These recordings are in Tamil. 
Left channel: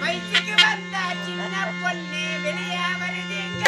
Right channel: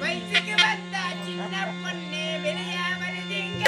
வயசுக்கு வந்த சின்ன பொண்ணு வெளியே வருதுங்க.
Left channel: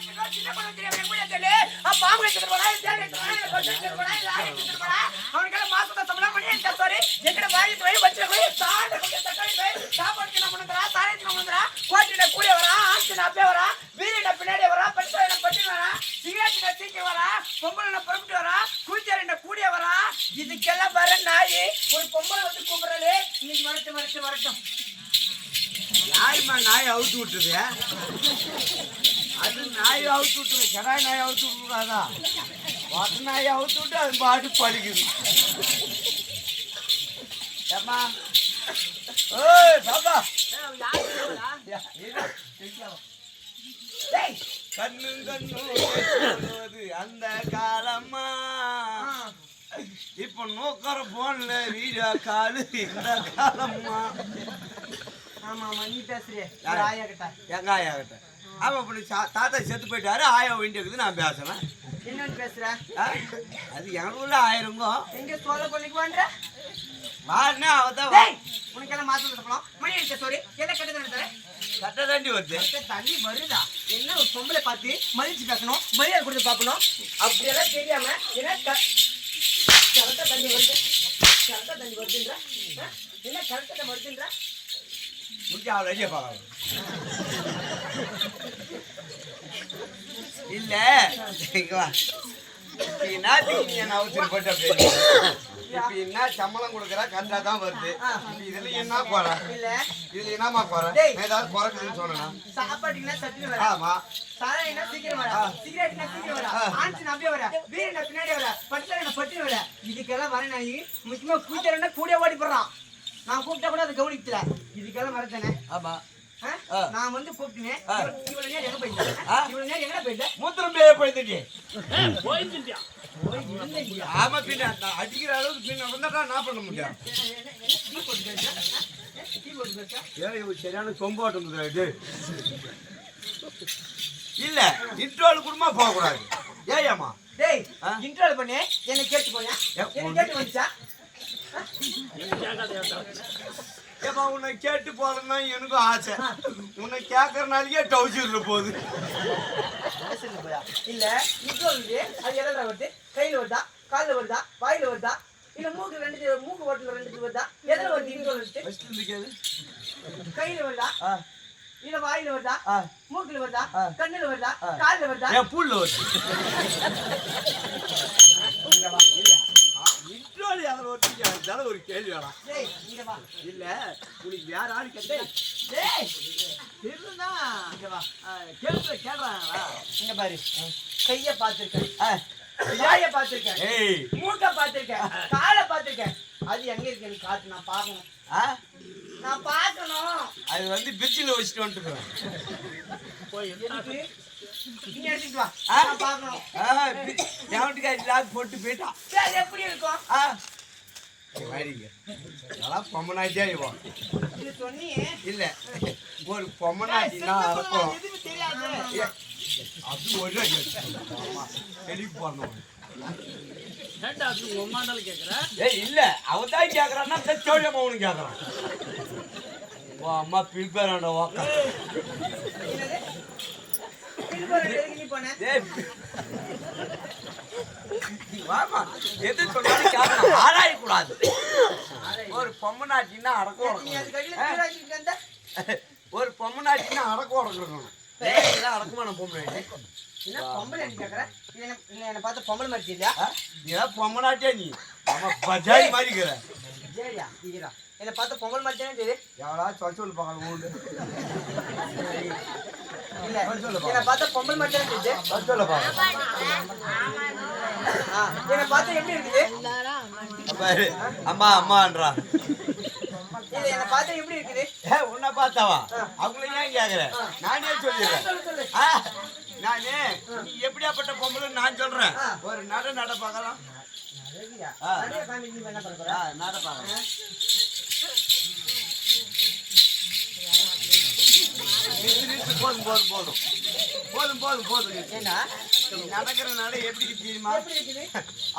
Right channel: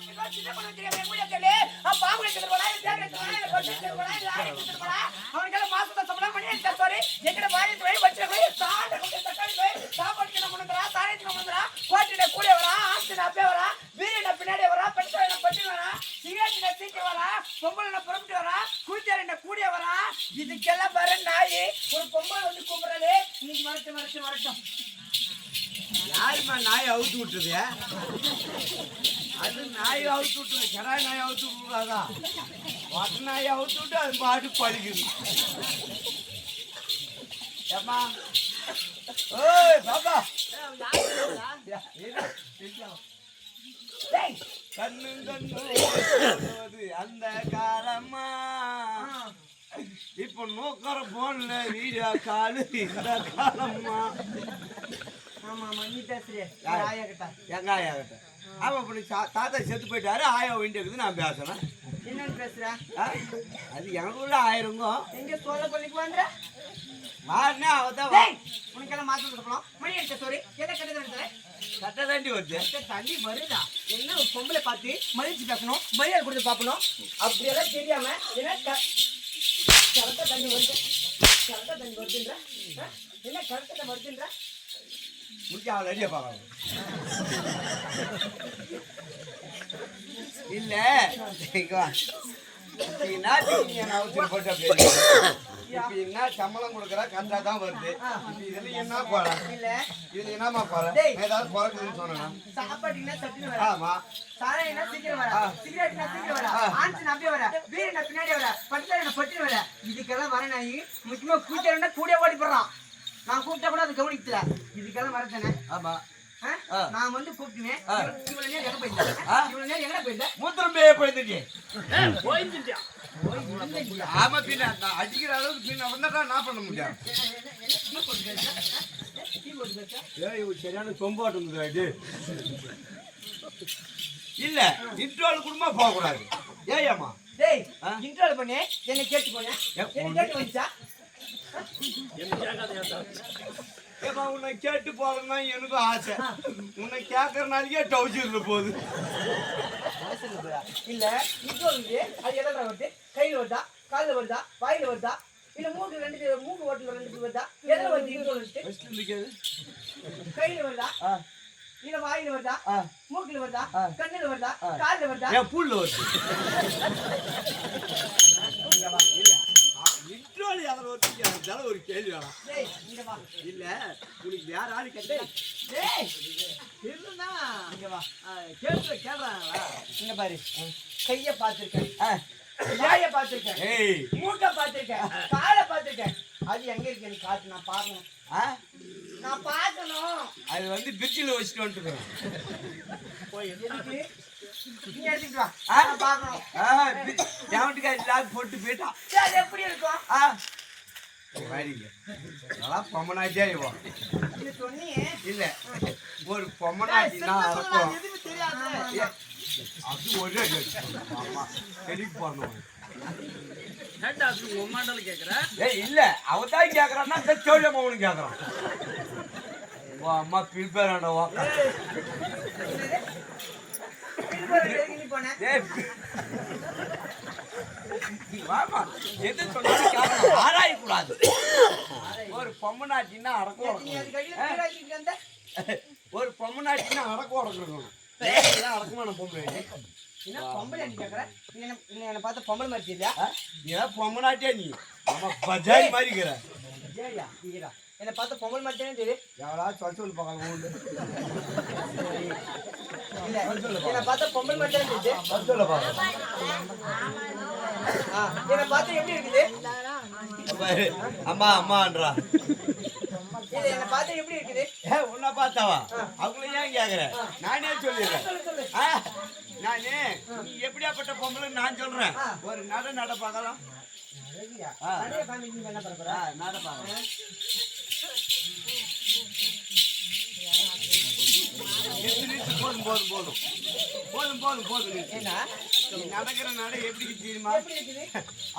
சின்ன பொண்ணு தெரியாம கூட தெரியல பாம்பு எடுத்துட்டு போறா தேடி எடுத்துட்டு போறா அவனுக்கு மாசம் சம்பளம் பண்ணி சாரி எங்கட வாய் வச்சு சாட தக்காளி சாப்பாடு நம்ம பண்றா சாயத்து நம்ம பண்றா கோட்டில கூடிய வரா ஆஸ்தின அப்பே வரா வீரன பின்னாடி வரா பச்சைன பட்டி வரா சிகரெட்ல தீக்க வரா பொம்பளன புறப்பட்டு வரா கூச்சரின கூடிய வரா இதுக்கெல்லாம் வர நாய் ஒரு பொம்பளை வந்து கூப்பிடுறே இன்னைக்கு வரட்டும் யாருமா நாய் அவுத்து விட்டுருது அது நாய் அவுத்து விட்டுருது கடாய் நாய் அவுத்து விட்டுருக்காதா ஒட்ட நாய் அவுத்து விட்டு அது பாட்டு பழிக்குது ஏம்மா ஓய் பாப்பா கண்ணு கண்ணு அந்த காலம்மா இப்ப நோக்கற போன்ல வீடியோ காலு இந்த காலம்மா ஆமா நீ பேசுறியே ஆயா கிட்ட எங்க ஆயா கிட்ட அவ அப்படி தாத்தா செத்து போயிட்டாரு ஆயா வேண்டியது நான் பேசுறேன் என்னன்னு பேசுற அது எங்களுக்குள்ள ஆயிருங்கோ எங்க சோழ கொல்லிக்கு வாண்ட வாண்ணா அவதான் உனக்கு எல்லாம் மாசம் சொல்லணும் மணி அடிச்ச சோரி எதை கட்டது கட்ட தாண்டி வருது தண்ணி வருதா என்ன ஒரு பொம்பளை பார்த்து மதிச்சு பேசணும் மரியாதை கொடுத்து பார்க்கணும் அப்படியெல்லாம் தெரியாம என்ன கரெக்டா தண்ணி வருதுன்ற என்ன கரெக்டா வருதுன்ற முடிச்சு அவளை அடிய பார்க்கலாம் இல்ல நாட்டுக்கு நீ அவசரப்பட்டு அப்படி இப்ப என்ன சம்பளம் கொடுக்குற கண்டா தான் வருது இப்ப இதுல என்ன குறை இல்ல இதுல என்னமா குறை ஏதாவது குறைக்குதுன்னு சொன்னா சாப்பாட்டுக்குன்னா சட்டுன்னு வர ஆமா சாராயினா சீக்கிரம் வர சிகரெட்னா சீக்கிரம் வர ஆன்ஸ் நம்பிய வர பீரனா பின்னாடி வர பட்டலனா பட்டி வர இதுக்கெல்லாம் வர நாய் முக்கியமா கூச்சறனா கூடிய ஓடி போறான் நான் கூப்பிட்டா கூட அது கவனிக்கல இதுக்கெல்லாம் வரதானே ஆமா நான் வந்து கூப்பிட்டேன் இவ்வளவு நேரம் எங்க போயிட்டேன் இவ்வளவு நேரம் எங்க போயிட்டேன் மூத்திரம் பேய போயிட்டே போயிட்டேன் ஆமா பின்ன நான் அடிக்கிற அளவுக்கு பின்ன வந்தா நான் பண்ண முடியாது சரியான சொம்போட்டு இது இல்ல இன்ட்ரோல் குடும்பமா போக கூடாது ஏமா டேய் இன்ட்ரோல் பண்ணி என்ன கேட்டு போனே என்ன கேட்டு வந்துச்சா ஏமா உன்னை கேட்டு போறேன்னா எனக்கும் ஆசை உன்னை கேட்கறனாலேயே டவுசர்ல போகுது இல்ல இன்ட்ரோல் அது எதில் வருது கையில வருதா காலில் வருதா வாயில வருதா இல்ல மூக்கு ஓட்டல ரெண்டு வருதா எதில் வருது இன்ட்ரோல் கையில வருதா இல்ல வாயில வருதா மூக்குல வருதா கண்ணுல வருதா காலில் வருதா என் புல்ல வருது இன்ட்ரோல் அதில் ஒட்டிக்காத ஒரு கேள்வி வேணாம் இல்ல உனக்கு வேற ஆளு கேட்டா கேட்கறாங்களா இங்க பாரு கைய பாத்துருக்கேன் வாய பாத்துருக்கேன் மூக்க பாத்துருக்கேன் காலை பாத்துருக்கேன் அது எங்க இருக்கு எனக்கு காட்டு நான் பாக்கணும் நான் பாக்கணும் அது வந்து பிரிட்ஜில் வச்சுட்டு வந்துட்டுருக்கேன் நீ எடுத்துட்டு வா நான் பாக்கணும் எவன்ட்டுக்காரி லாக் போட்டு போயிட்டான் அது எப்படி இருக்கும் நல்லா பொம்மனாட்டியா இவன் இது சொன்னியே இல்ல ஒரு பொம்மனாட்டினா இருக்கும் அது ஒரு தெளிவு பண்ணணும் இல்ல அவதான் கேக்குறான்னா சோழியம்மா அவனு கேக்குறான் அம்மா பிரிப்பேர் வாமா எது சொன்னாலும் கேட்கணும் ஆராயக்கூடாது ஒரு பொம்மனாட்டின்னா அடக்கம் ஒரு பொம்மனாட்டின்னா அடக்கம் அடக்கணும் அடக்கமான பொம்பளை பொம்பளை என்ன பார்த்து பொம்பளை மாதிரி இல்லையா ஏன் பொம்மனாட்டியா நீ ஆமா பஜாரி மாதிரி இருக்கிற சரியா என்ன பார்த்து பொம்பளை மாதிரி தானே தெரியுது எவ்வளோ சொல்லு பார்க்கலாம் உண்டு இல்ல என்ன பார்த்தா பொம்பளை மாதிரி தானே தெரியுது சொல்ல பார்க்கலாம் என்ன பார்த்தா எப்படி இருக்குது அம்மா அம்மான்றா இது என்ன பார்த்தா எப்படி இருக்குது உன்னை பார்த்தாவா அவங்கள ஏன் கேக்குற நானே சொல்லிடுறேன் நானே நீ எப்படியாப்பட்ட பொம்பளை நான் சொல்றேன் ஒரு நட பார்க்கலாம் நட பார்க்கலாம் போதும் ஏன்னா நடக்கிற நட எப்படி தெரியுமா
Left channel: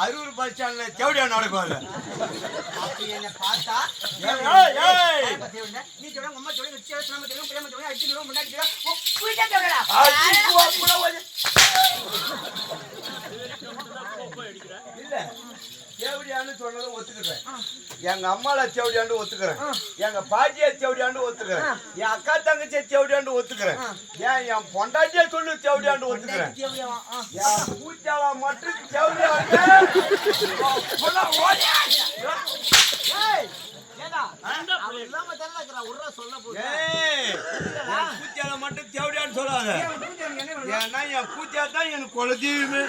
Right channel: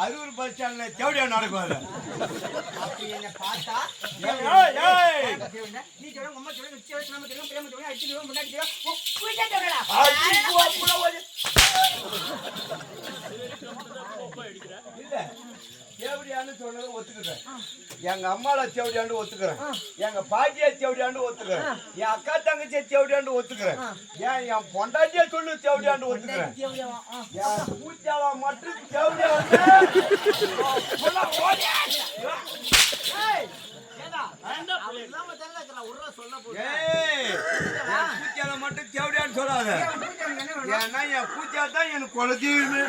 அரூர் பஸ் ஸ்டாண்ட்ல செவடியா நடக்கும் அப்படி என்ன பார்த்தா நீ சொல்ல அம்மா சொல்ல அடிச்சு தேவடியான்னு சொன்னதை ஒத்துக்கிறேன். எங்க அம்மால தேவடியாண்டு ஒத்துக்கிறேன். எங்க பாட்டியா தேவடியாண்டு ஒத்துக்கிறேன். என் அக்கா தங்கச்சியை தேவடியாண்டு ஒத்துக்கிறேன். என் பொண்டாட்டியா சொல்லு தேவடியாண்டு ஒத்துக்கிறேன். என் பூச்சாவா மட்டும் தேவடியாண்டு பூச்சால மட்டும் தேவடியான்னு சொல்லாத. ஏன்னா என் பூச்சா தான் எனக்கு குலதெய்வமே.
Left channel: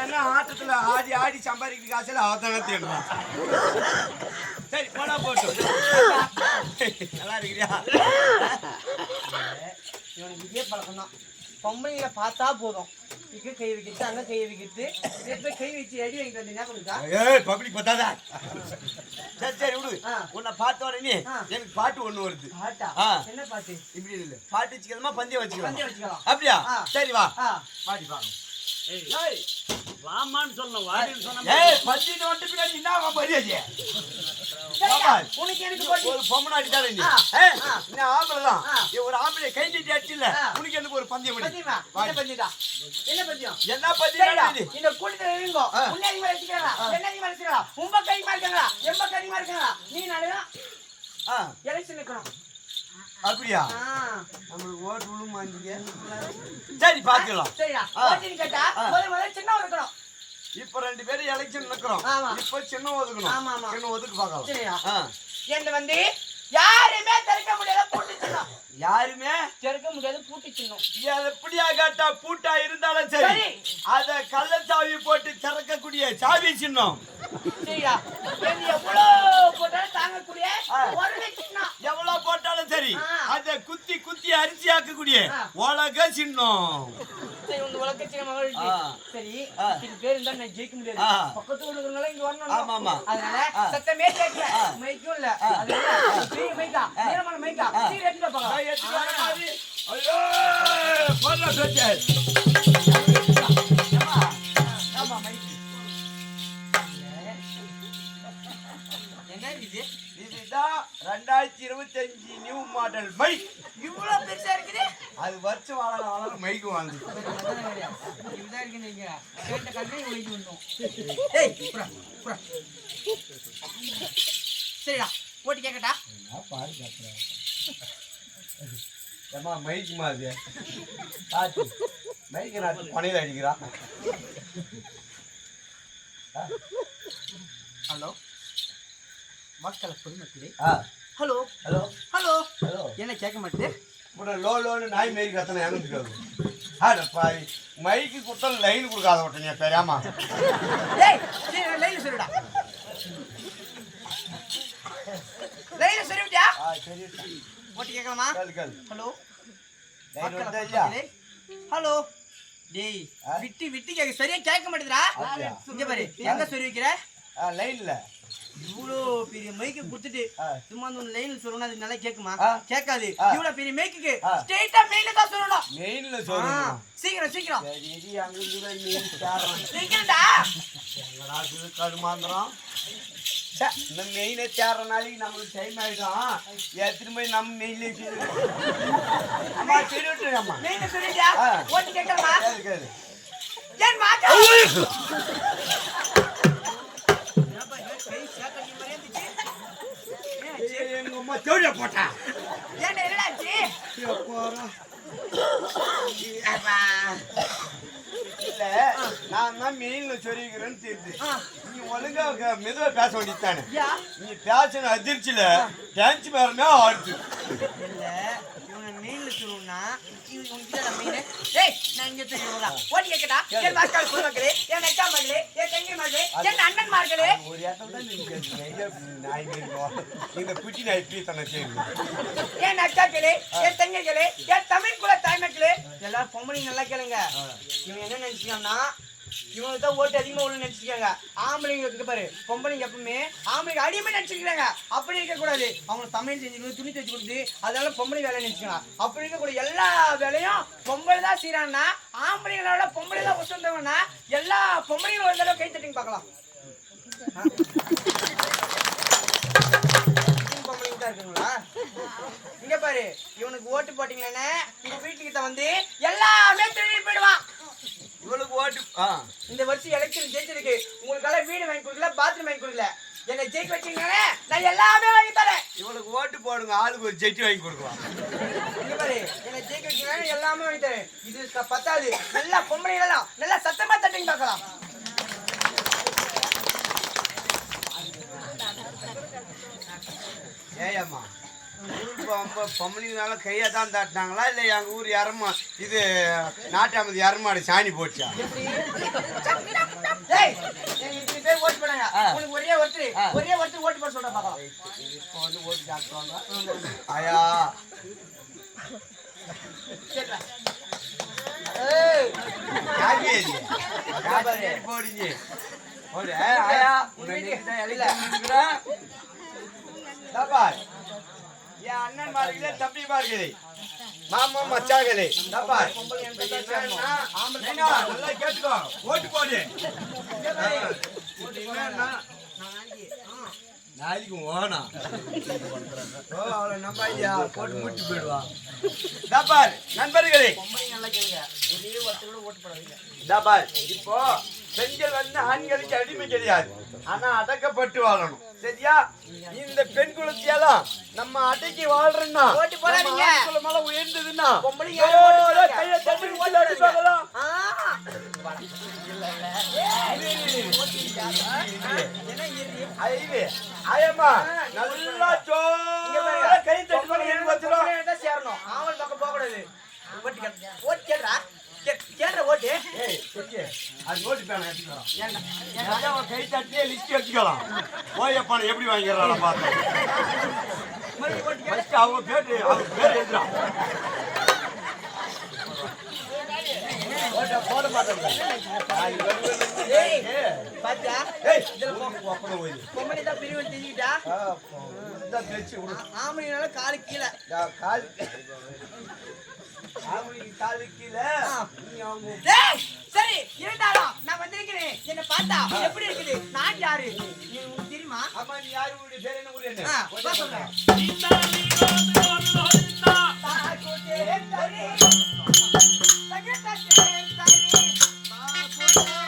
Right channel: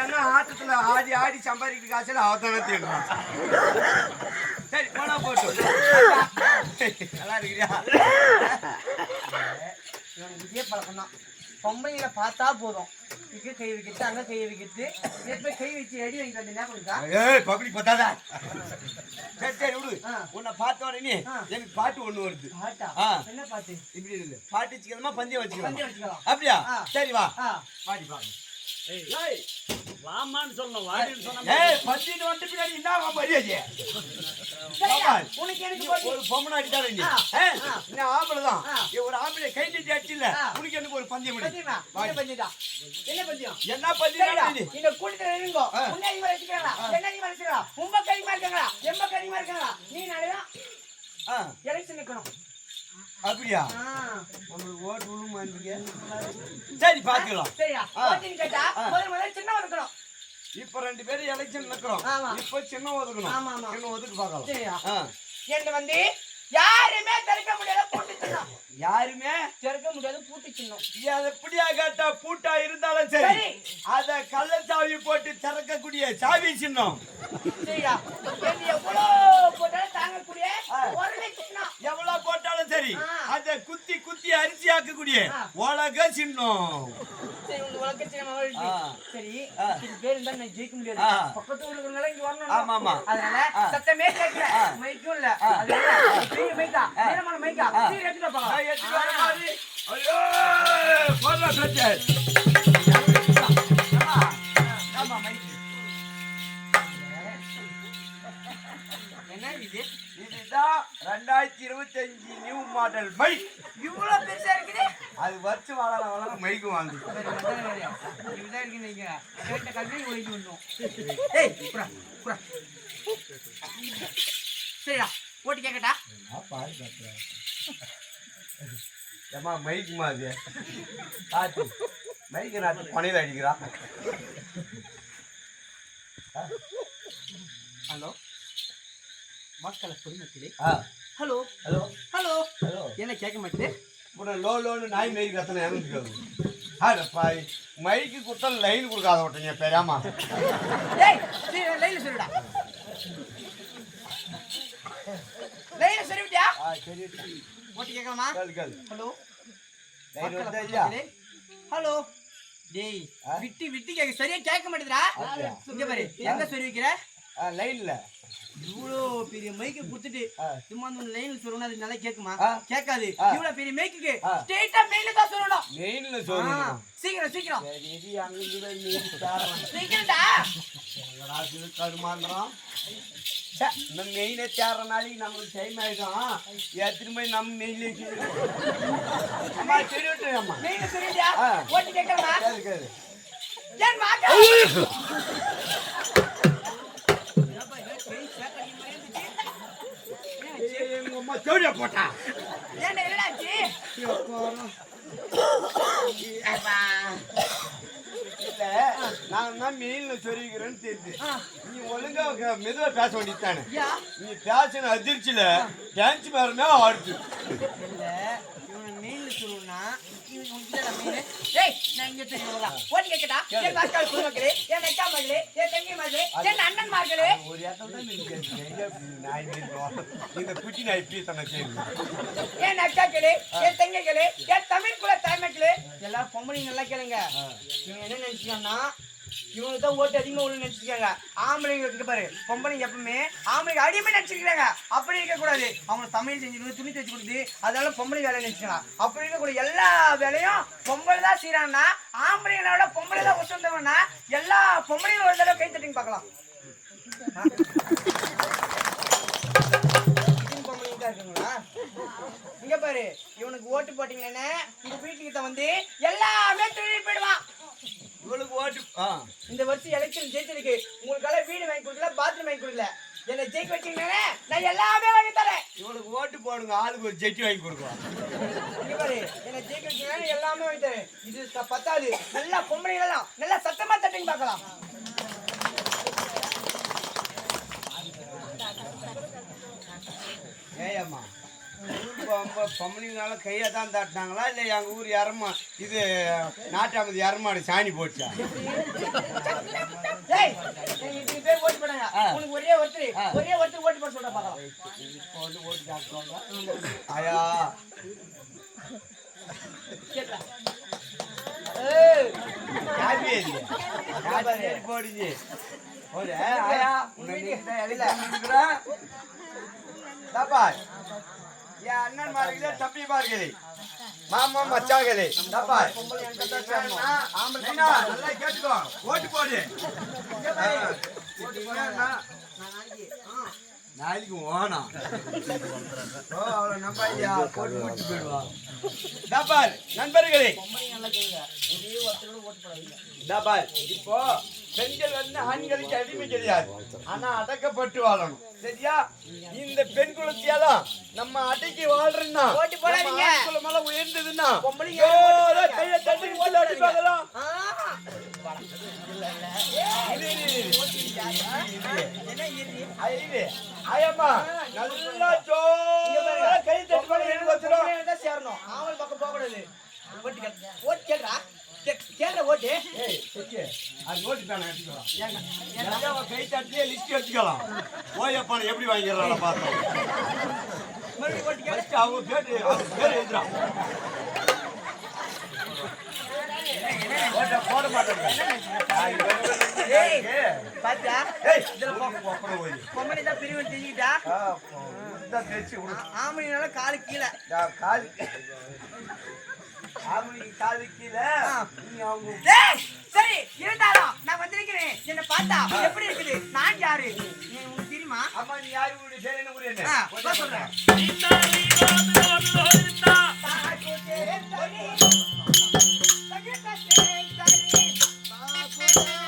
ஏன்னா ஆட்டத்துல ஆடி ஆடி சம்பாதிக்கிற காய்ச்சல் அவதானே தேடுறான். சரி போனா போட்டோம். நல்லா இருக்கிறியா? இவனுக்கு இதே பழக்கம் தான். பொம்பளைங்களை பார்த்தா போதும், இங்க கை வைக்கிறது அங்க கை வைக்கிறது, போய் கை வச்சு அடி வாங்கிட்டு வந்து ஞாபகம். ஏய் பப்ளிக் பார்த்தாதா? சரி சரி விடு. உன்னை பார்த்த உடனே எனக்கு பாட்டு ஒண்ணு வருது. பாட்டா? என்ன பாட்டு? இப்படி இல்ல, பாட்டு வச்சுக்கலாமா பந்தயம் வச்சுக்கலாம்? அப்படியா? சரி வா பாடி பாடு. வாமான்னு சொல்லணும், வாடின்னு சொன்னா பந்திட்டு வந்துட்டு பின்னாடி என்ன மரியாதை? உனக்கு எனக்கு ஒரு பொம்மனை அடித்தாரு நீ. ஆம்பளை தான். ஒரு ஆம்பளை கை நீட்டி அடிச்சுல உனக்கு எனக்கு ஒரு பந்தயம். என்ன பந்தியம்? என்ன பந்தியம்? இந்த கூட்டத்துல இருங்கோ. முன்னாடி மாதிரி வச்சுக்கிறா, பின்னாடி மாதிரி வச்சுக்கிறா, உங்க கை மாதிரி இருக்காங்களா, எம்ப கை மாதிரி இருக்காங்களா? நீ நாளைதான் எலெக்ஷன் நிக்கணும். அப்படியா? நம்மளுக்கு ஓட்டு விழும் மாட்டீங்க. சரி பாக்கலாம். சரியா? ஓட்டுன்னு கேட்டா முதல்ல சின்ன இருக்கணும். இப்ப 2 பேரும் எலெக்ஷன் நிக்கிறோம். இப்ப சின்ன ஒதுக்கணும். சின்ன ஒதுக்கு பாக்கலாம். சரியா? என்ன வந்து யாருமே திறக்க முடியாத பூட்டு சின்னம். யாருமே திறக்க முடியாத பூட்டு சின்னம். எப்படியா கேட்டா பூட்டா இருந்தாலும் சரி, அத கள்ளச்சாவி போட்டு திறக்கக்கூடிய சாவி சின்னம். சரியா? எவ்வளவு போட்டாலும் தாங்கக்கூடிய ஒரு சின்னம். எவ்வளவு போட்டாலும் சரி, அத குத்தி குத்தி அரிசி ஆக்கக்கூடிய உலக சின்னம். சரி, உங்க உலக சின்னம். சரி, இது பேர் இருந்தா நான் ஜெயிக்க முடியாது. பக்கத்து ஊருக்குறவங்க இங்க வரணும். ஆமா. அதனால சத்தமே கேட்கல, மைக்கும் இல்ல. அதனால பெரிய மைக்கா, நேரமான மைக்கா, சீர் எடுத்துட்டு போங்க. ஐயோ போடா சச்சே. ஆமா மைக். என்ன இது? இதுதான் 2025 நியூ மாடல் மைக். இவ்வளவு பெருசா இருக்குது. அது வச்சு வளர மைக்கு வாங்கி. இதுதான் இருக்கு நீங்க கேட்ட கல்வி ஒழிச்சு வந்தோம். ஏய் புறா புறா. சரிடா, ஓட்டி கேக்கட்டா? ஏமா மைக்கு மாதிரி காட்டு மைக்கு நாட்டு பனையில் அடிக்கிறான். ஹலோ மக்கள் பொதுமக்களே. Hello hello hello hello. என்ன கேட்க மாட்டேது? லோன்னு நாய் மாரி கத்தனை எனக்கு பாய் மைக்கு கொடுத்தா லைன் கொடுக்காத விட்டீங்க பேராமா. ஏய் சரி லைன்ல சொல்லுடா. லைன்ல சொல்லிவிட்டியா? சரி ஓட்டி கேட்கலாமா? கேள். ஹலோ லைன் வந்தா இல்லையா? ஹலோ டேய் விட்டி விட்டி கேட்க சரியா கேட்க மாட்டேதுடா. இங்க பாரு எங்க சொல்லி வைக்கிற? லைன்ல இவ்வளோ பெரிய மைக்கு கொடுத்துட்டு சும்மா அந்த லைன்ல சொல்லணும், அது நல்லா கேட்குமா? கேட்காது. இவ்வளோ பெரிய மைக்குக்கு ஸ்ட்ரெயிட்டா மெயின்ல தான் சொல்லணும். மெயின்ல சொல்லணும். சீக்கிரம் சீக்கிரம் சீக்கிரம்டா. கடுமாந்திரம் இந்த மெயினை தேடுற நாளைக்கு நம்மளுக்கு டைம் ஆயிடும். எத்தனை மணி நம்ம மெயின்ல அம்மா தெரிவிட்டு அம்மா மெயின்ல சொல்லிட்டியா? ஓட்டி கேட்கலாமா? கேளு. ஏன் மாட்டா? எங்க அம்மா தேடியா போட்டா. ஏன்டா என்னடாச்சு? இல்ல நான் தான் மெயின்ல சொல்லிக்கிறேன்னு தெரியுது. நீ ஒழுங்கா மெதுவா பேச வேண்டியதானே. நீ பேசின அதிர்ச்சியில டான்ஸ் மேரமே ஆடுது. இல்ல இவனை மெயின்ல சொல்லணும்னா ஏய் நான் இங்க தெரியுங்களா? ஓட்டி கேட்கட்டா? என் மக்கள் பொதுமக்களே, என் அக்கா மகளே, என் தங்கை மகளே, என் அண்ணன் மகளே, ஒரு இடத்துல தான் நீங்க நாய் நீங்க குட்டி நாய் பீத்தனை செய்யுங்க. என் அக்காக்களே, என் தங்கைகளே, என் தமிழ் குல தாய்மக்களே, எல்லாரும் பொம்பளை நல்லா கேளுங்க. இவன் என்ன நினைச்சுக்கான்னா இவனுக்கு தான் ஓட்டு அதிகமா உள்ள நினைச்சிருக்காங்க. ஆம்பளைங்களுக்கு பாரு பொம்பளைங்க எப்பவுமே ஆம்பளைங்க அடிமை நினைச்சிருக்காங்க. அப்படி இருக்க கூடாது. அவங்க தமிழ் செஞ்சு துணி தைச்சு கொடுத்து அதனால பொம்பளை வேலை நினைச்சுக்கலாம். அப்படி இருக்கக்கூடிய எல்லா வேலையும் பொம்பளை தான் செய்யறாங்கன்னா ஆம்பளைங்களோட பொம்பளை தான் ஒத்துவந்தவங்கன்னா எல்லா பொம்பளைங்களும் ஒரு தடவை கை தட்டிங்க பார்க்கலாம். பொம்பளைங்க தான் இருக்குங்களா? இங்க பாரு இவனுக்கு ஓட்டு போட்டீங்களே உங்க வீட்டுக்கிட்ட வந்து எல்லாமே திரும்பி போயிடுவான். இவளுக்கு ஓட்டு இந்த வருஷம் எலெக்ஷன் ஜெயிச்சிருக்கு, உங்களுக்கெல்லாம் வீடு வாங்கி கொடுக்கல, பாத்ரூம் வாங்கி கொடுக்கல. என்னை ஜெயிக்க வச்சீங்கன்னா நான் எல்லாமே வாங்கி தரேன். இவனுக்கு ஓட்டு போடுங்க, ஆளுக்கு ஒரு ஜெட்டி வாங்கி கொடுக்கலாம். இங்க பாரு, என்னை ஜெயிக்க வச்சீங்கன்னா எல்லாமே வாங்கி தரேன். இது பத்தாது, நல்லா பொம்பளைங்களெல்லாம் நல்லா சத்தமா தட்டுன்னு பார்க்கலாம். ஏயம்மா பொம்பளைங்கனால கையை தான் தட்டினாங்களா இல்லை எங்கள் ஊர் இறமா இது நாட்டாமது இறமாடு சாணி போச்சா? இத்தனை பேர் ஓட்டு போனாங்க, உங்களுக்கு ஒரே ஒருத்தர் ஓட்டு போட சொல்ற பார்க்கலாம். இப்போ வந்து ஓட்டு காட்டுவாங்க. ஆயா போடுங்க போடு. ஆயா என் அண்ணன் மார்களே தம்பி மார்களே மாமா மச்சாங்களே நல்லா கேட்டுக்கோ, ஓட்டு போடு. நாளைக்கு ஓனா அவளை நம்ப இல்லையா போட்டு முடிச்சு போயிடுவா. தாப்பார் நண்பர்களே, தாப்பார் இப்போ பெண்கள் வந்து ஆண்களுக்கு அடிமை கிடையாது, ஆனா அடக்கப்பட்டு வாழணும். சரியா? இந்த பெண் குலத்தையெல்லாம் நம்ம அடக்கி வாழ்றோம்னா ஓட்டு போடாதீங்க. குலமெல்லாம் உயர்ந்ததுன்னா பொம்பளைங்க கையை தட்டி அடிப்பாங்களாம். ஐயம்மா நல்லா கை தட்டி சேரணும். ஆவல் பக்கம் போக கூடாது. ஓட்டு கேட்றா, கேட்ற ஓட்டு. அது ஓட்டு பேன எடுத்துக்கலாம். கை தட்டியே லிஸ்ட் எடுத்துக்கலாம். ஓயப்பான எப்படி வாங்கிடுறாங்க பார்த்தோம். அவங்க பேர் எழுதுறான். போட மாட்டேன். பொம்பளை தான் பிரிவு தெரிஞ்சுக்கிட்டா ஆம்பளைனால காலு கீழே காலு கீழே. சரி இருந்தாலும் நான் வந்திருக்கிறேன். என்ன பார்த்தா எப்படி இருக்குது? நான் யாரு உங்களுக்கு தெரியுமா? அம்மா நீ யாரு? பேர் என்ன? ஊர் என்ன சொல்றேன்.